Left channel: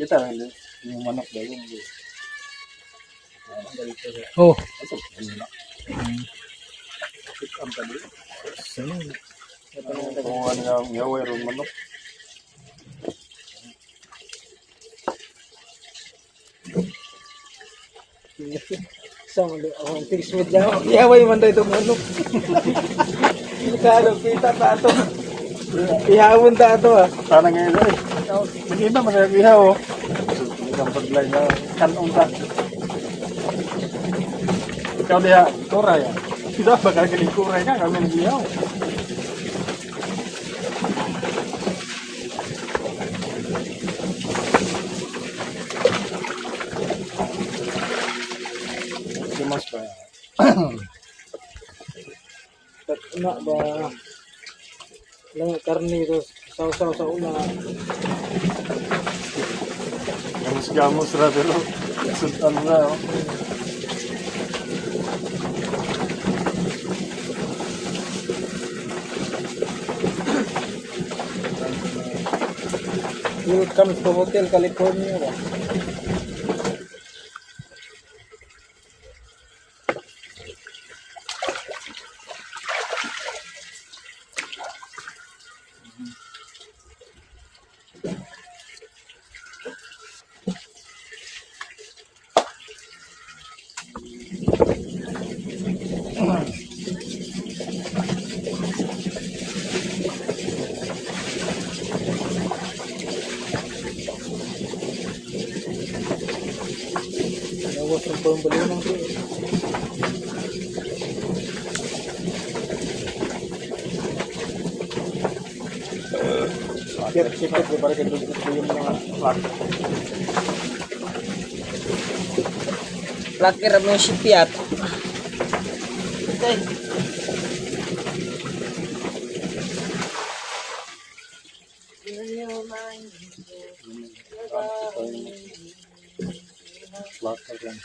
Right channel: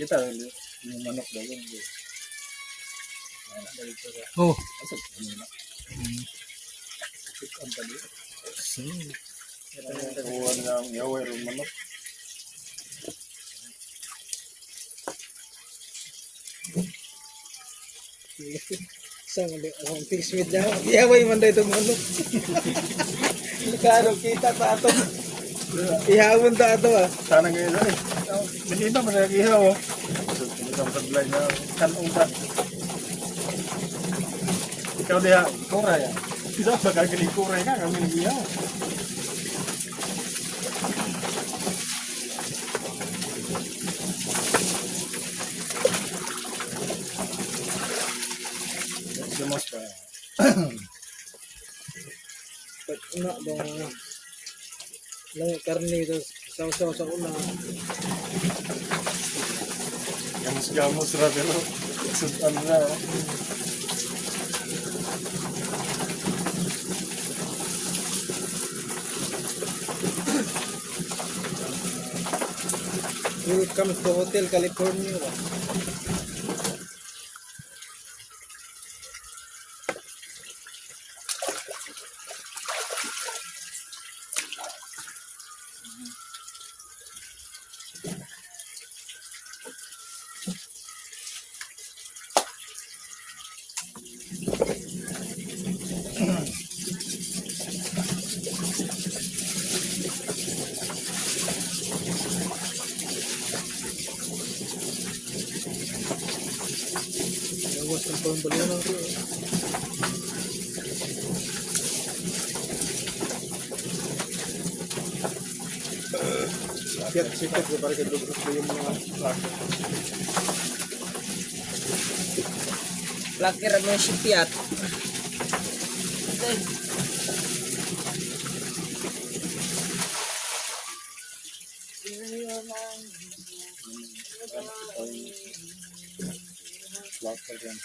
Kita, yung manok daw yun. Oh. Ito, ano na. Ang tali. Saan? Kuha nga ang yaway ron manok. Sama li ang tigsmith lang. Ihaway man daw itong manok. Kano kita ta ato. Ihawon ta ato ah. Sana ngayon eh. Hindi na magagayaw. Isang taglay na kanong ta. Ikaw diha, kuray. Kita ba kagaling kuray ka? Kami nag-iyaw. Simas pa. Na ba lang karne ito saw-saw sa una. Gamos-gamos ra pero sundan na. Welcome to Hotel California. Nawas ng pambali natin. Sikit ba para kay gusto yung mga Lakir mo si Piat. lakad yan.